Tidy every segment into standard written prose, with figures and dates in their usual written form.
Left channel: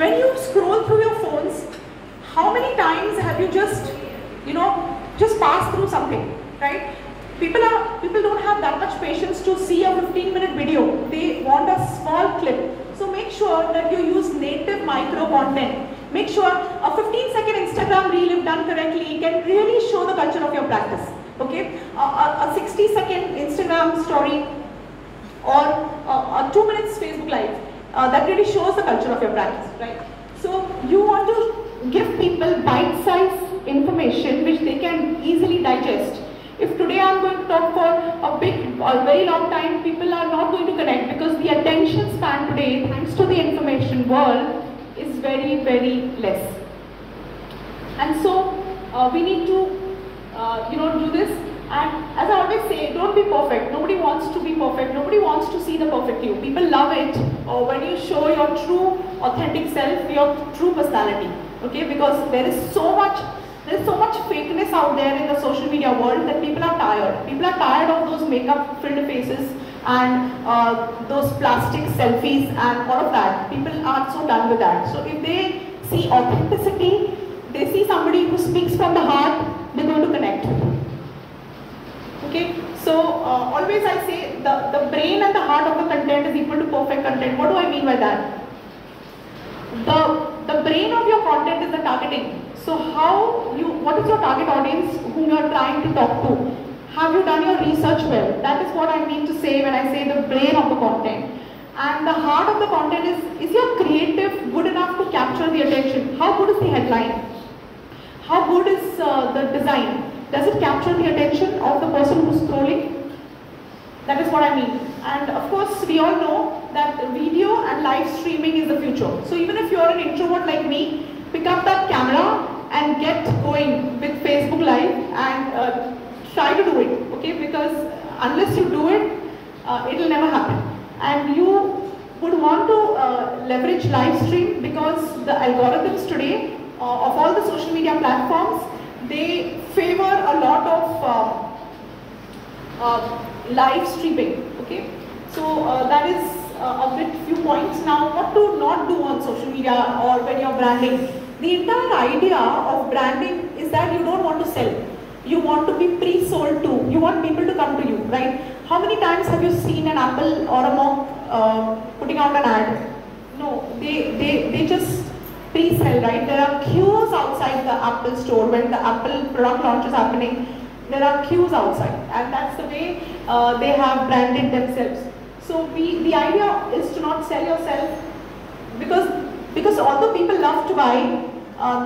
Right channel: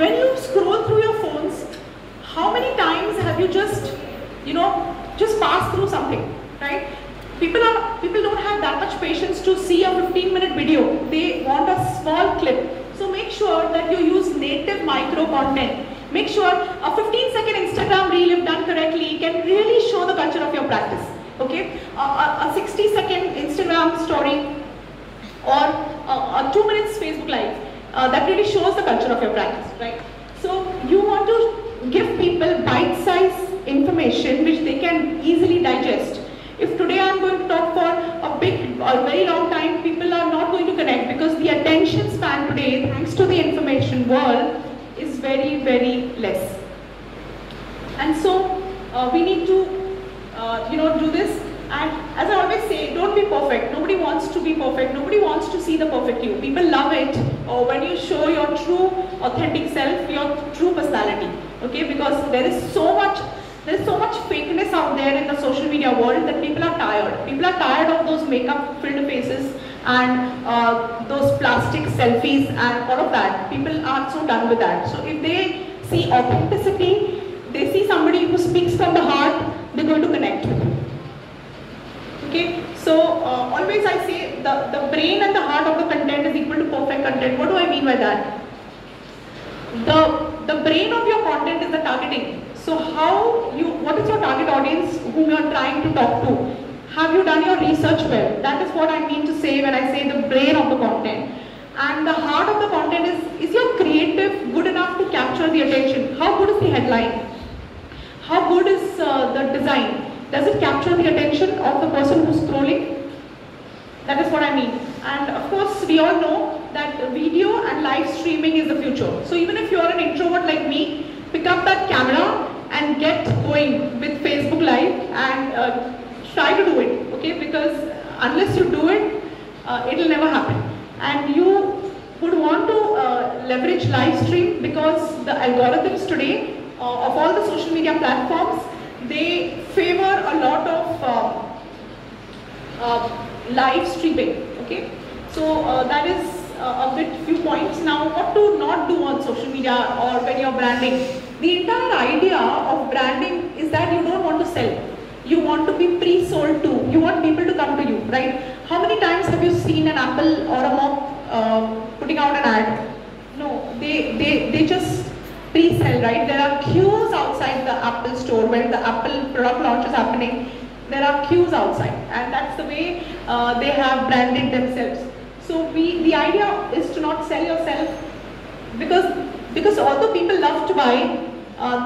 when you scroll through your phones, how many times have you just, just passed through something, right? People don't have that much patience to see a 15-minute video. They want a small clip. So make sure that you use native micro content. Make sure a 15-second Instagram reel, if done correctly, can really show the culture of your practice. Okay, a 60-second Instagram story or a 2 minutes Facebook live that really shows the culture of your practice, right? So you want to give people bite-sized information which they can easily digest. If today I'm going to talk for a very long time, people are not going to connect because the attention span today, thanks to the information world, is very, very less. And so we need to do this. And as I always say, don't be perfect. Nobody wants to be perfect. Nobody wants to see the perfect you. People love it when you show your true, authentic self, your true personality. Okay, because there is so much fakeness out there in the social media world that people are tired. People are tired of those makeup-filled faces and those plastic selfies and all of that. People are so done with that. So if they see authenticity, they see somebody who speaks from the heart, they're going to connect with you. Okay, so always I say the brain and the heart of the content is equal to perfect content. What do I mean by that? The brain of your content is the targeting. So what is your target audience whom you are trying to talk to? Have you done your research well? That is what I mean to say when I say the brain of the content. And the heart of the content is your creative good enough to capture the attention? How good is the headline? How good is the design? Does it capture the attention of the person who's scrolling? That is what I mean. And of course, we all know that video and live streaming is the future. So even if you're an introvert like me, pick up that camera and get going with Facebook Live and try to do it, okay? Because unless you do it, it'll never happen. And you would want to leverage live stream because the algorithms today of all the social media platforms, they favor a lot of live streaming, okay? So that is a few points. Now, what to not do on social media or when you're branding. The entire idea of branding is that you don't want to sell. You want to be pre-sold to. You want people to come to you, right? How many times have you seen an Apple or a Mop putting out an ad? No, they just pre-sell, right? There are queues outside the Apple store when the Apple product launch is happening. There are queues outside, and that's the way they have branded themselves. So the idea is to not sell yourself because although people love to buy,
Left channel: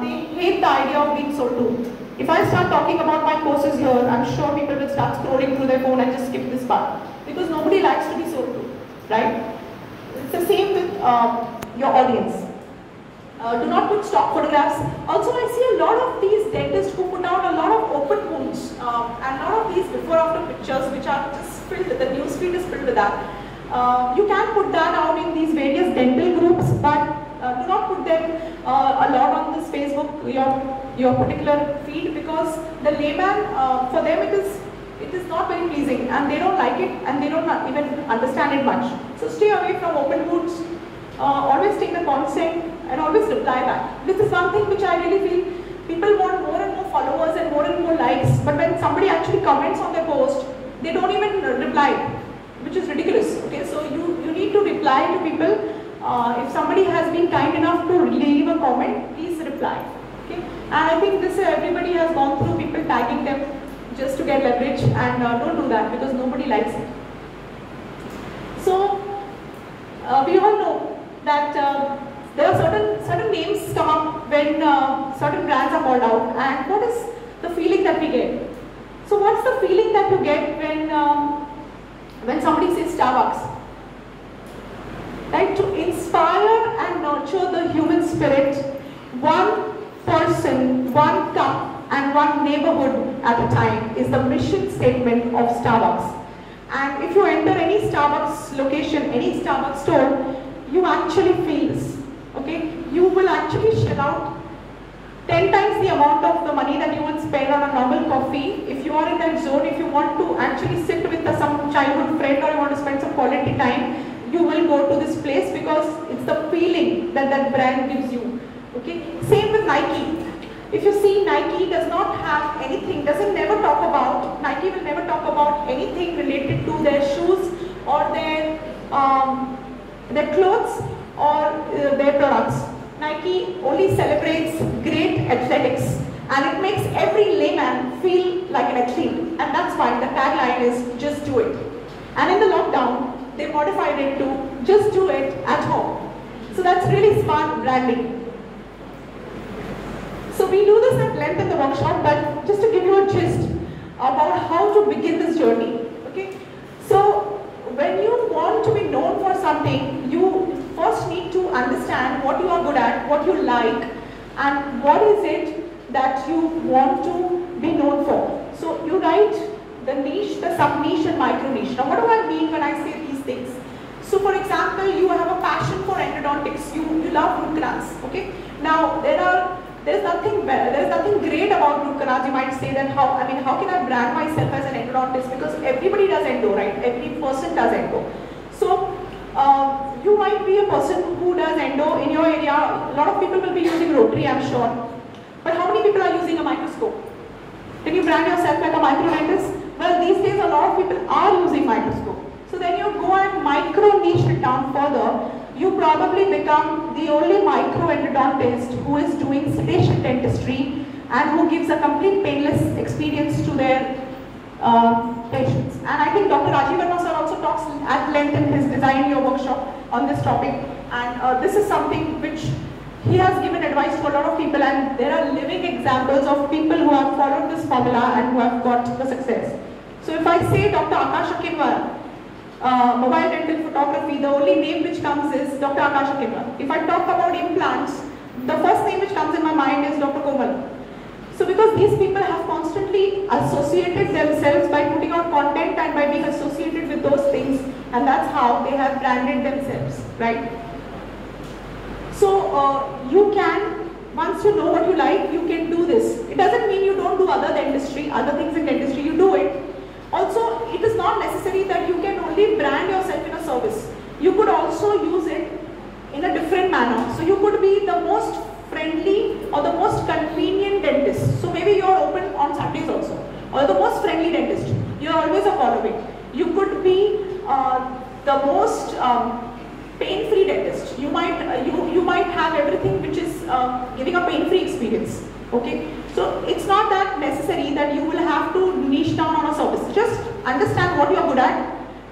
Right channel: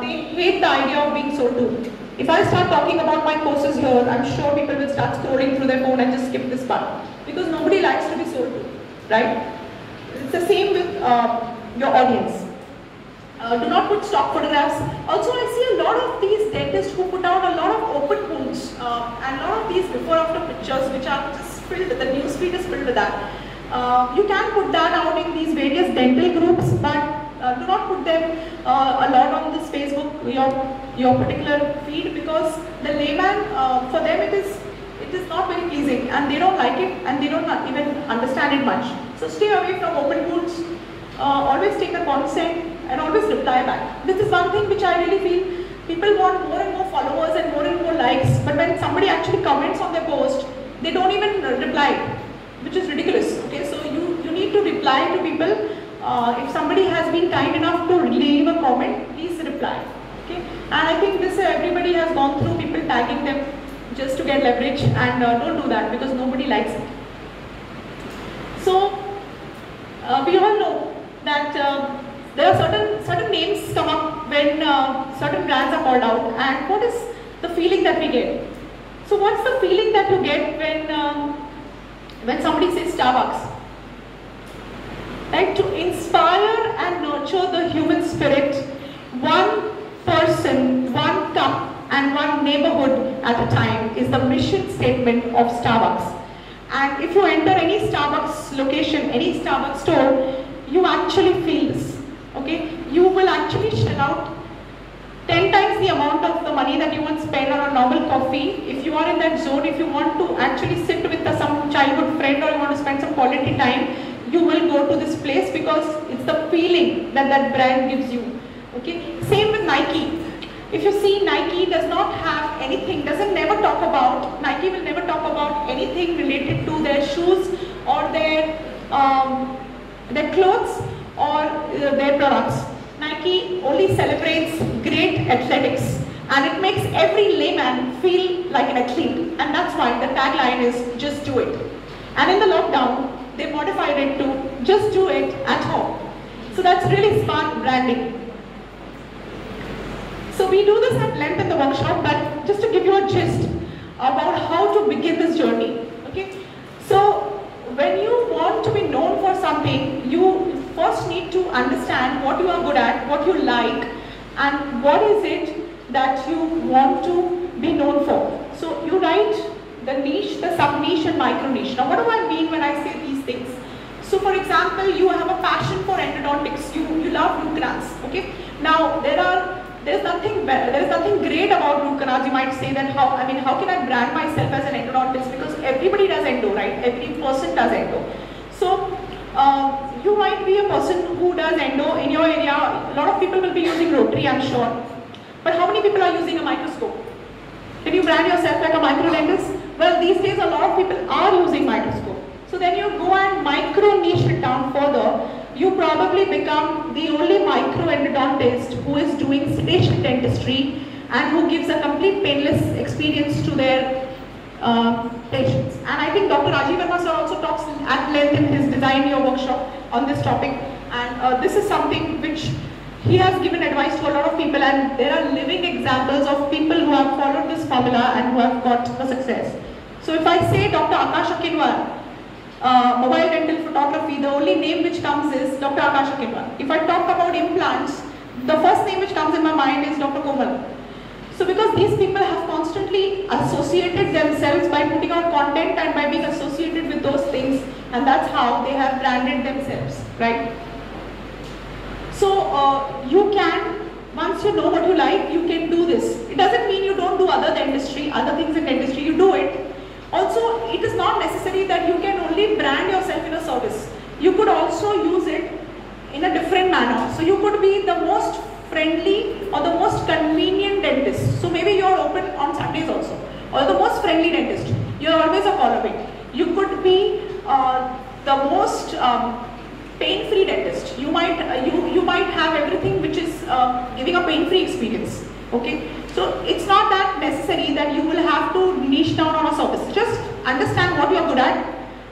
they hate the idea of being sold to. If I start talking about my courses here, I'm sure people will start scrolling through their phone and just skip this part because nobody likes to be sold to, right? It's the same with your audience. Do not put stock photographs. Also, I see a lot of these dentists who put out a lot of open wounds and a lot of these before-after pictures which are just filled, the newsfeed is filled with that. You can put that out in these various dental groups, but do not put them a lot on this Facebook, your particular feed, because the layman, for them it is not very pleasing and they don't like it and they don't even understand it much. So stay away from open wounds, always take the consent and always reply back. This is one thing which I really feel people want more and more followers and more likes, but when somebody actually comments on their post, they don't even reply, which is ridiculous. Okay, so you need to reply to people. If somebody has been kind enough to leave a comment, please reply. Okay, and I think this everybody has gone through, people tagging them just to get leverage, and don't do that because nobody likes it. So we all know that there are certain names come up when certain brands are called out, and what is the feeling that we get? So what's the feeling that you get when somebody says Starbucks? Right? To inspire and nurture the human spirit, one person, one cup and one neighborhood at a time is the mission statement of Starbucks. And if you enter any Starbucks location, any Starbucks store, you actually feel this. Okay? You will actually shell out 10 times the amount of the money that you would spend on a normal coffee. If you are in that zone, if you want to actually sit with some childhood friend or you want to spend some quality time, you will go to this place because it's It's the feeling that that brand gives you. Okay. Same with Nike. If you see, Nike does not have anything, never talk about, Nike will never talk about anything related to their shoes or their clothes or their products. Nike only celebrates great athletics, and it makes every layman feel like an athlete, and that's why the tagline is just do it. And in the lockdown, they modified it to just do it at home. So that's really smart branding. So we do this at length in the workshop, but just to give you a gist about how to begin this journey. Okay. So when you want to be known for something, you first need to understand what you are good at, what you like, and what is it that you want to be known for. So you write the niche, the sub-niche and micro-niche. Now what do I mean when I say these things? So for example, you have a passion for endodontics, you love root canals. Okay. Now there's nothing great about root canals. You might say that how can I brand myself as an endodontist, because everybody does endo, right? Every person does endo. So you might be a person who does endo in your area. A lot of people will be using rotary, I'm sure. But how many people are using a microscope? Can you brand yourself like a micro dentist? Well, these days a lot of people are using microscope. So then you go and micro niche it down further. You probably become the only micro endodontist who is doing sedation dentistry and who gives a complete painless experience to their patients. And I think Dr. Rajiv Verma sir also talks at length in his Design Your workshop on this topic. And this is something which he has given advice to a lot of people, and there are living examples of people who have followed this formula and who have got the success. So if I say Dr. Akash Akinwar, mobile dental photography, the only name which comes is Dr. Akash Akinwar. If I talk about implants, the first name which comes in my mind is Dr. Komal. So because these people have constantly associated themselves by putting out content and by being associated with those things, and that's how they have branded themselves, right? So you can, once you know what you like, you can do this. It doesn't mean you don't do other things in dentistry, you do it. Also, it is not necessary that you can only brand yourself in a service. You could also use it in a different manner. So you could be the most friendly or the most convenient dentist. So maybe you are open on Sundays also. Or the most friendly dentist. You are always a call away. You could be the most pain-free dentist. You might have everything which is giving a pain-free experience. Okay. So it's not that necessary that you will have to niche down on a service. Just understand what you are good at.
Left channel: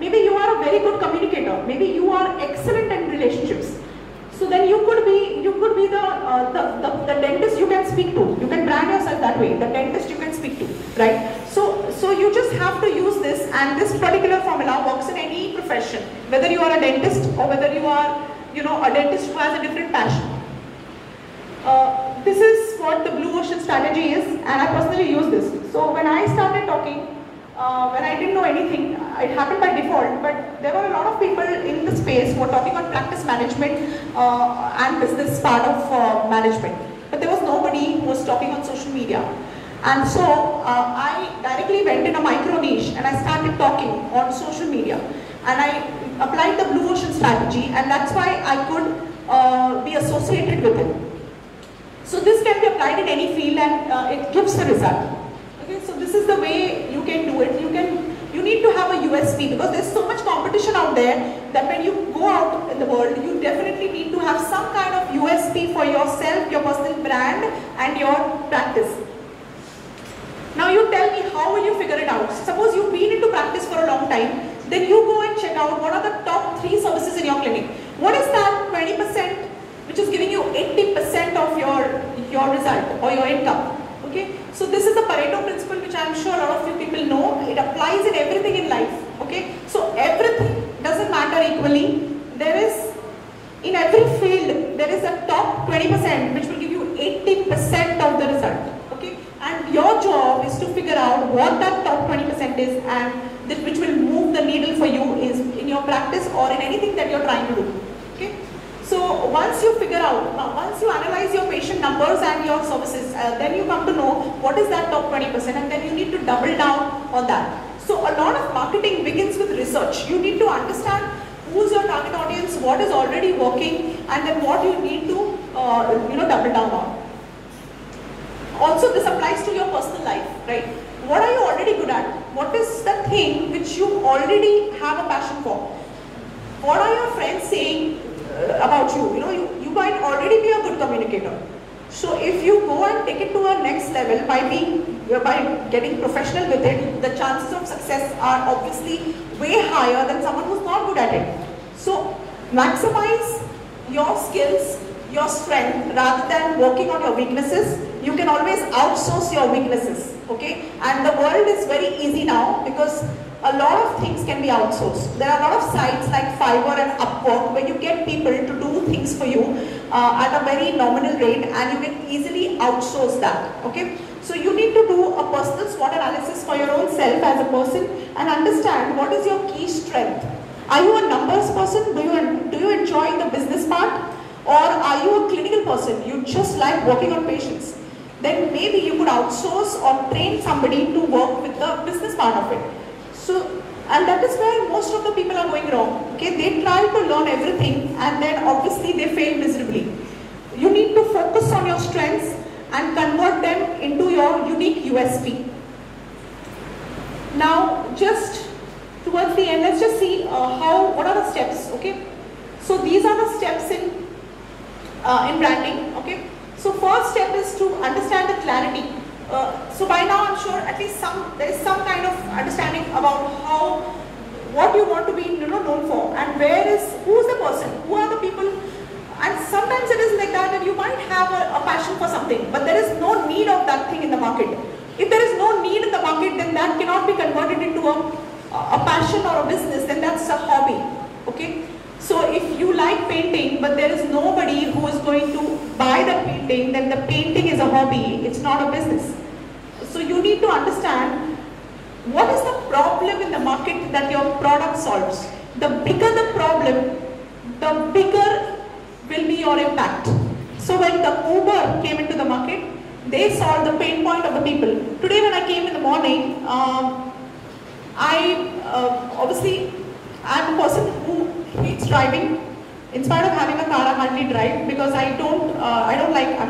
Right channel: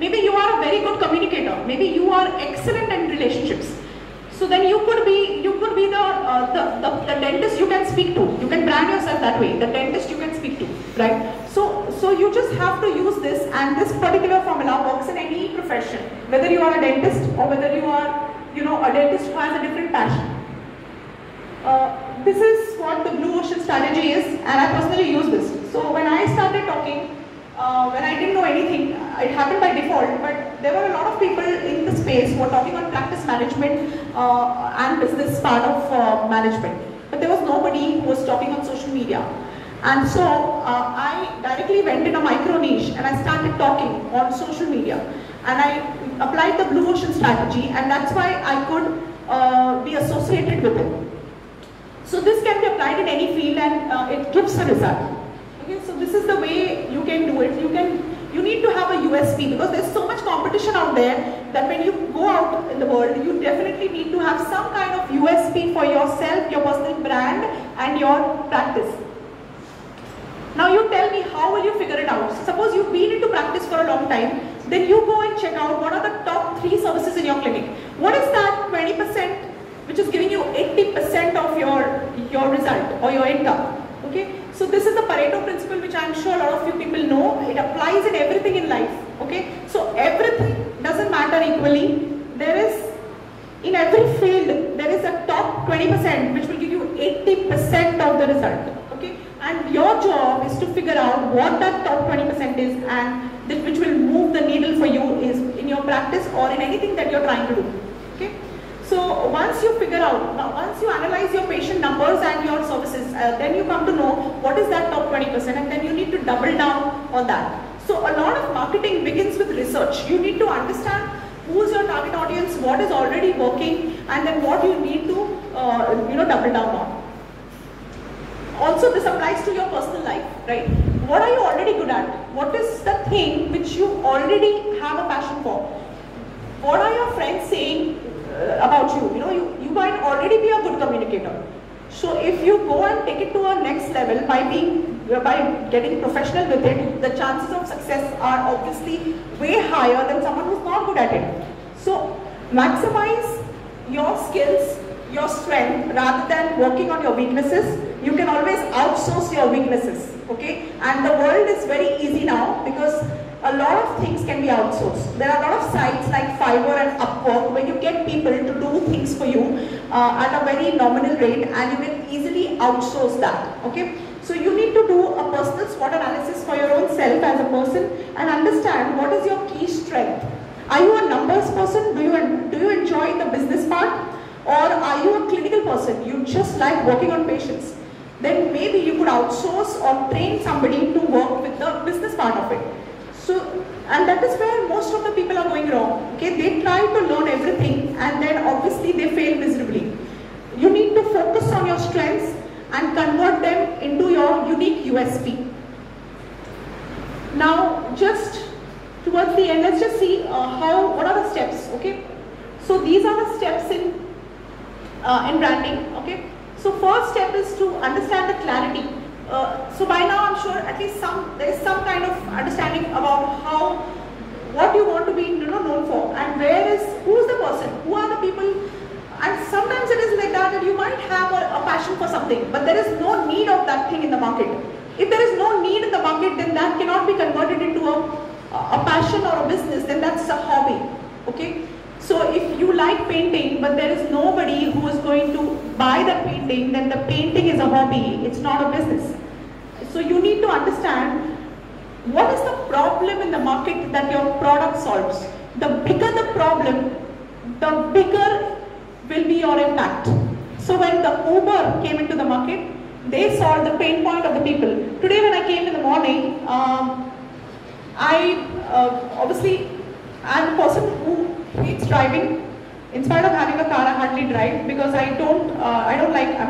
Maybe you are a very good communicator. Maybe you are excellent in relationships. So then you could be the dentist you can speak to. You can brand yourself that way. The dentist you can speak to, right? So you just have to use this, and this particular formula works in any profession. Whether you are a dentist or whether you are, a dentist who has a different passion. This is what the Blue Ocean strategy is, and I personally use this. So when I started talking, when I didn't know anything, it happened by default, but there were a lot of people in the space who were talking on practice management and business part of management. But there was nobody who was talking on social media. And so I directly went in a micro niche and I started talking on social media. And I applied the Blue Ocean strategy, and that's why I could be associated with it. So this can be applied in any field, and it gives a result. Okay, so this is the way you can do it. You need to have a USP, because there's so much competition out there that when you go out in the world, you definitely need to have some kind of USP for yourself, your personal brand, and your practice. Now you tell me, how will you figure it out? Suppose you've been into practice for a long time, then you go and check out what are the top 3 services in your clinic. What is that 20% which is giving you 80% of your result or your income? Okay, so this is the Pareto principle, which I am sure a lot of you people know. It applies in everything in life. Okay, so everything doesn't matter equally. There is, in every field, there is a top 20% which will give you 80% of the result. Okay, and your job is to figure out what that top 20% is, and which will move the needle for you is in your practice or in anything that you're trying to do. Okay. So once you figure out, once you analyze your patient numbers and your services, then you come to know what is that top 20%, and then you need to double down on that. So a lot of marketing begins with research. You need to understand who's your target audience, what is already working, and then what you need to double down on. Also, this applies to your personal life, right? What are you already good at? What is the thing which you already have a passion for? What are your friends saying about you? You might already be a good communicator. So if you go and take it to a next level by getting professional with it, the chances of success are obviously way higher than someone who's not good at it. So maximize your skills, your strength, rather than working on your weaknesses. You can always outsource your weaknesses, okay? And the world is very easy now because a lot of things can be outsourced. There are a lot of sites like Fiverr and Upwork where you get people to do things for you at a very nominal rate, and you can easily outsource that, okay? So you need to do a personal SWOT analysis for your own self as a person and understand what is your key strength. Are you a numbers person? Do you enjoy the business part? Or are you a clinical person? You just like working on patients? Then maybe you could outsource or train somebody to work with the business part of it. So, and that is where most of the people are going wrong. Okay, they try to learn everything and then obviously they fail miserably. You need to focus on your strengths and convert them into your unique USP. Now, just towards the end, let's just see what are the steps. Okay, so these are the steps in branding. Okay, so first step is to understand the clarity. So by now I'm sure at least there is some kind of understanding about what you want to be known for, and who's the person, who are the people. And sometimes it is like that you might have a passion for something, but there is no need of that thing in the market. If there is no need in the market, then that cannot be converted into a passion or a business, then that's a hobby. Okay. So if you like painting, but there is nobody who is going to buy the painting, then the painting is a hobby, it's not a business. So you need to understand what is the problem in the market that your product solves. The bigger the problem, the bigger will be your impact. So when the Uber came into the market, they solved the pain point of the people. Today when I came in the morning, obviously I'm a person who hates driving. In spite of having a car, I hardly drive because I'm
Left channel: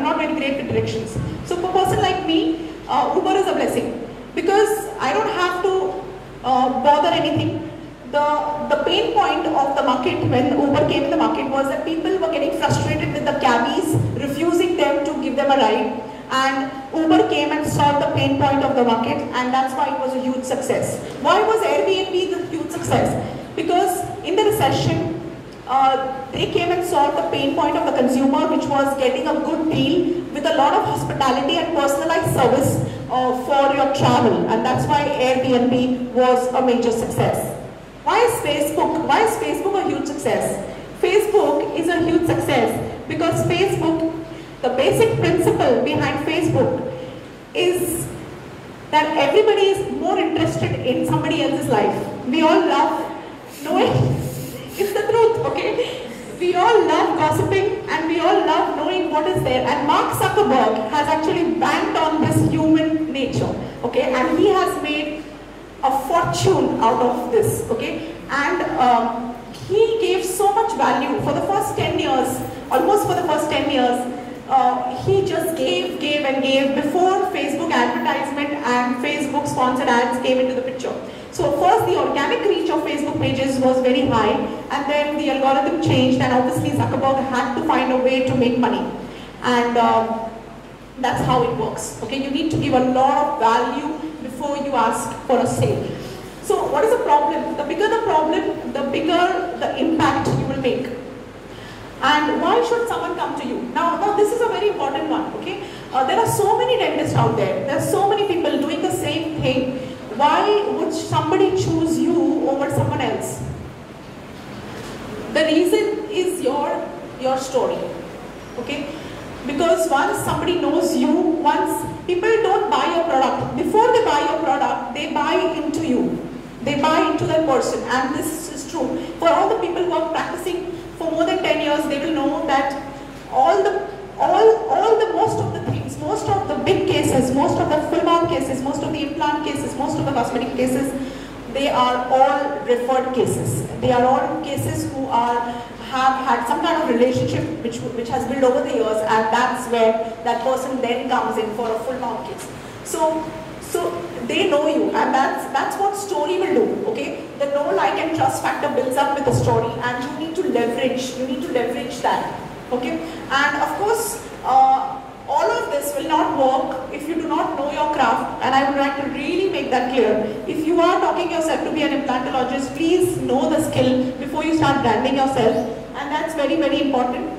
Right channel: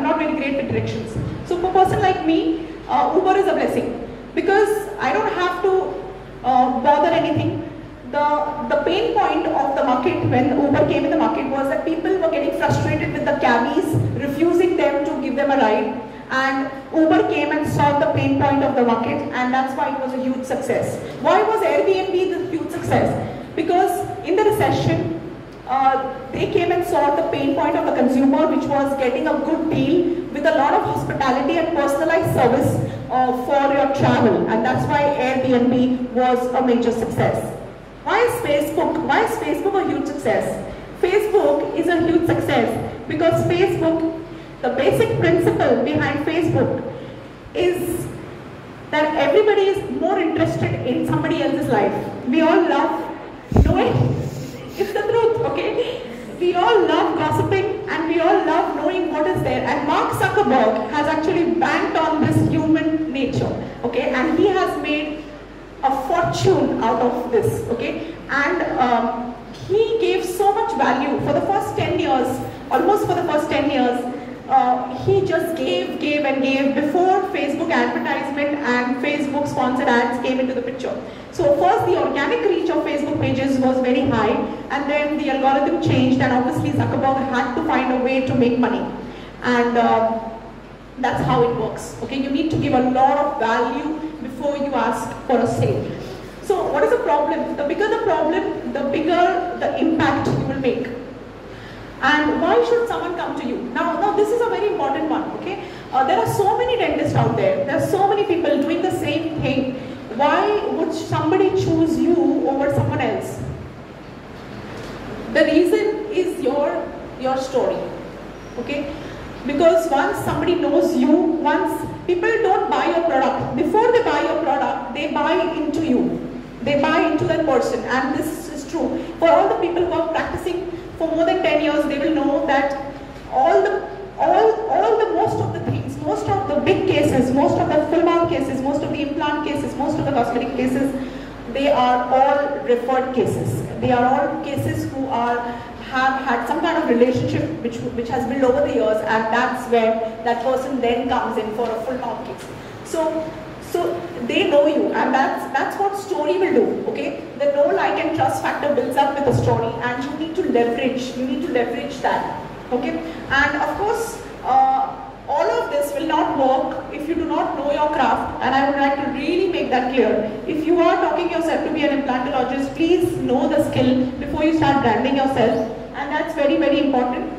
not very great with directions. So for a person like me, Uber is a blessing because I don't have to bother anything. The pain point of the market when Uber came in the market was that people were getting frustrated with the cabbies, refusing them to give them a ride, and Uber came and solved the pain point of the market, and that's why it was a huge success. Why was Airbnb the huge success? Because in the recession, they came and solved the pain point of the consumer, which was getting a good deal with a lot of hospitality and personalized service for your travel, and that's why Airbnb was a major success. Why is Facebook a huge success? Facebook is a huge success because Facebook, the basic principle behind Facebook is that everybody is more interested in somebody else's life. We all love knowing. It's the truth, okay? We all love gossiping and we all love knowing what is there. And Mark Zuckerberg has actually banked on this human nature, okay? And he has made a fortune out of this, okay? And he gave so much value for the first 10 years, almost for the first 10 years. He just gave and gave before Facebook advertisement and Facebook sponsored ads came into the picture. So first the organic reach of Facebook pages was very high, and then the algorithm changed, and obviously Zuckerberg had to find a way to make money. And that's how it works. Okay, you need to give a lot of value before you ask for a sale. So what is the problem? The bigger the problem, the bigger the impact you will make. And why should someone come to you? Now this is a very important one, okay? There are so many dentists out there. There are so many people doing the same thing. Why would somebody choose you over someone else? The reason is your story, okay? Because once somebody knows you, once people don't buy your product, before they buy your product, they buy into you. They buy into that person, and this is true. For all the people who are practicing for more than 10 years, they will know that most of the things, most of the big cases, most of the full mouth cases, most of the implant cases, most of the cosmetic cases, they are all referred cases. They are all cases have had some kind of relationship which has built over the years, and that's where that person then comes in for a full mouth case. So they know you, and that's what story will do. Okay, the know, like, and trust factor builds up with a story, and you need to leverage that. Okay, and of course, all of this will not work if you do not know your craft, and I would like to really make that clear. If you are talking yourself to be an implantologist, please know the skill before you start branding yourself, and that's very, very important.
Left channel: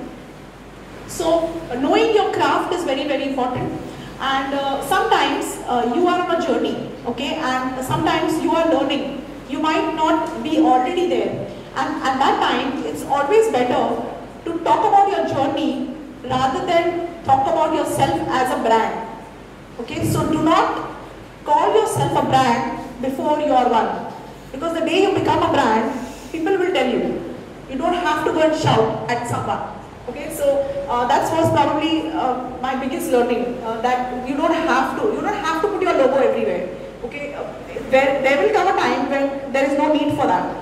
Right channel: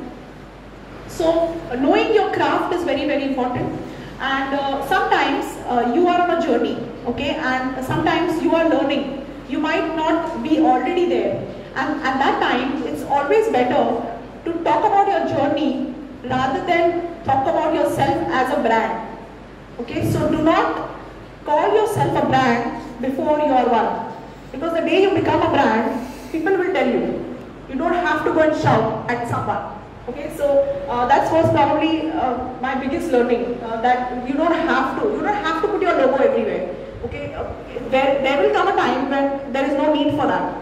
So knowing your craft is very, very important, and sometimes you are on a journey, okay, and sometimes you are learning. You might not be already there, and at that time it's always better to talk about your journey rather than talk about yourself as a brand. Okay, so do not call yourself a brand before you are one, because the day you become a brand, people will tell you. You don't have to go and shout at someone. Okay, so that was probably my biggest learning, that you don't have to put your logo everywhere. Okay, there will come a time when there is no need for that.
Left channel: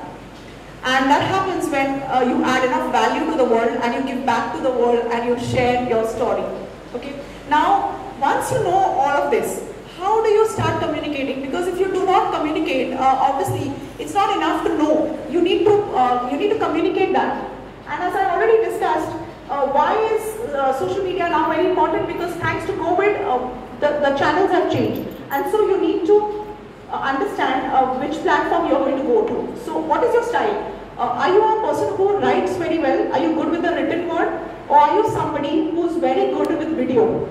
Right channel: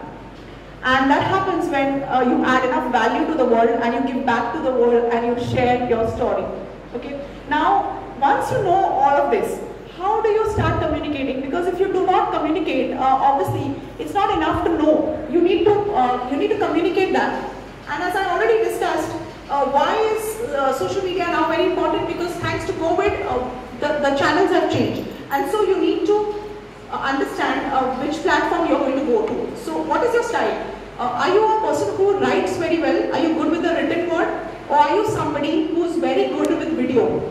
And that happens when you add enough value to the world, and you give back to the world, and you share your story. Okay. Now, once you know all of this, how do you start communicating? Because if you do not communicate, obviously it's not enough to know. You need to communicate that. And as I already discussed, why is social media now very important? Because thanks to COVID, the channels have changed, and so you need to understand which platform you are going to go to. So what is your style? Are you a person who writes very well? Are you good with the written word? Or are you somebody who is very good with video?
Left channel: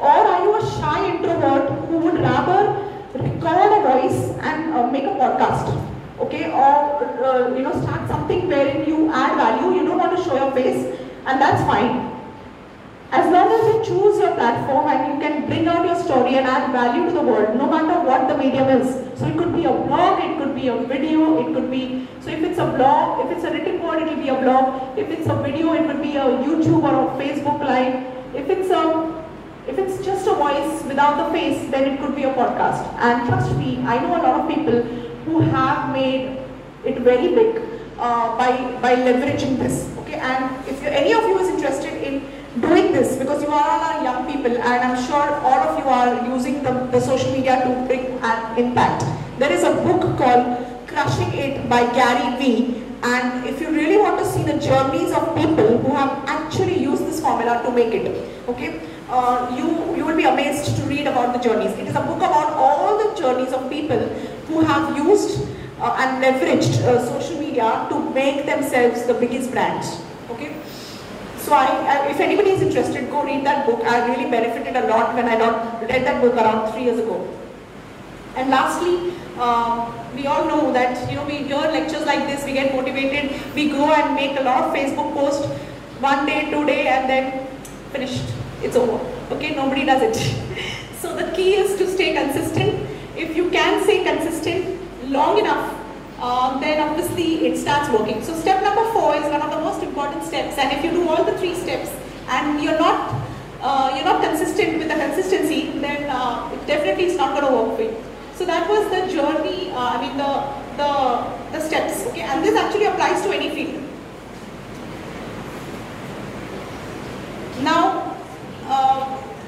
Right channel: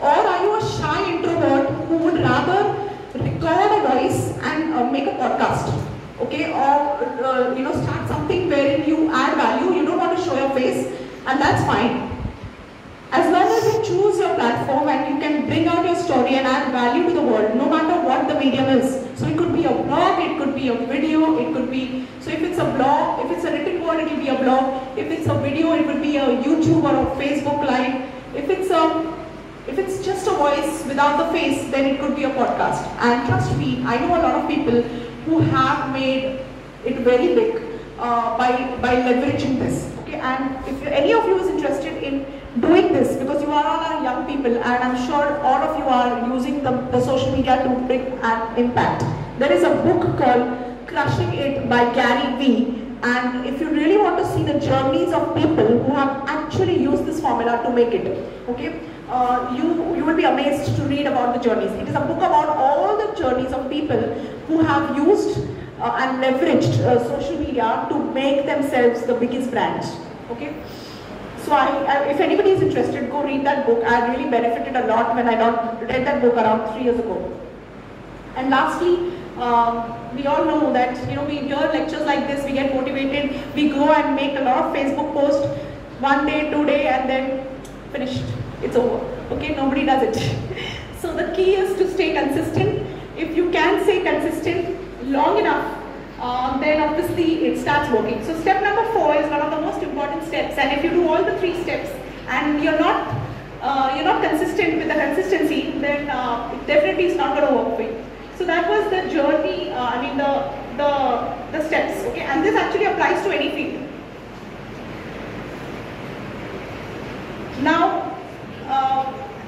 Or are you a shy introvert who would rather record a voice and make a podcast? Okay, or start something wherein you add value. You don't want to show your face, and that's fine. As long as you choose your platform and you can bring out your story and add value to the world, no matter what the medium is. So it could be a blog, it could be a video, it could be, so if it's a blog, if it's a written word, it will be a blog. If it's a video, it would be a YouTube or a Facebook Live. If it's just a voice without the face, then it could be a podcast. And trust me, I know a lot of people who have made it very big by leveraging this. Okay, and if any of you is interested in doing this, because you are all young people, and I'm sure all of you are using the social media to bring an impact. There is a book called Crushing It by Gary Vee, and if you really want to see the journeys of people who have actually used this formula to make it, okay, you will be amazed to read about the journeys. It is a book about all the journeys of people who have used and leveraged social media to make themselves the biggest brands. Okay. So if anybody is interested, go read that book. I really benefited a lot when I read that book around 3 years ago. And lastly, we all know that we hear lectures like this, we get motivated, we go and make a lot of Facebook posts, 1 day, 2 days, and then finished. It's over. Okay, nobody does it. So the key is to stay consistent. If you can stay consistent long enough, then obviously it starts working. So step number 4 is one of the most important steps, and if you do all the 3 steps and you're not consistent with the consistency, then it definitely is not going to work for you. So that was the journey, the steps, okay, and this actually applies to any field. Now,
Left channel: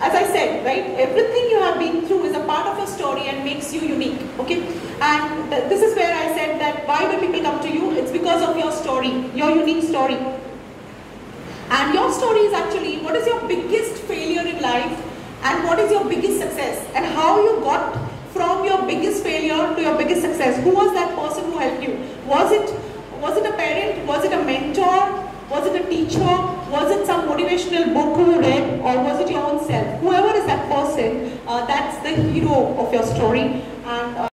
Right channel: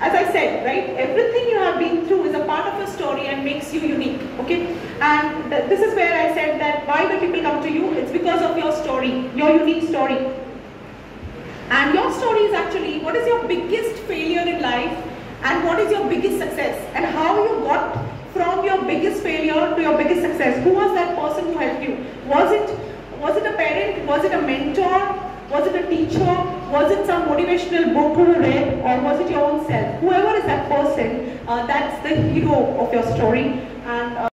as I said, right, everything you have been through is a part of your story and makes you unique, okay? And this is where I said that why do people come to you? It's because of your story, your unique story. And your story is actually what is your biggest failure in life and what is your biggest success, and how you got from your biggest failure to your biggest success. Who was that person who helped you? Was it a parent? Was it a mentor? Was it a teacher? Was it some motivational book you read, or was it your own self? Whoever is that person, that's the hero of your story. And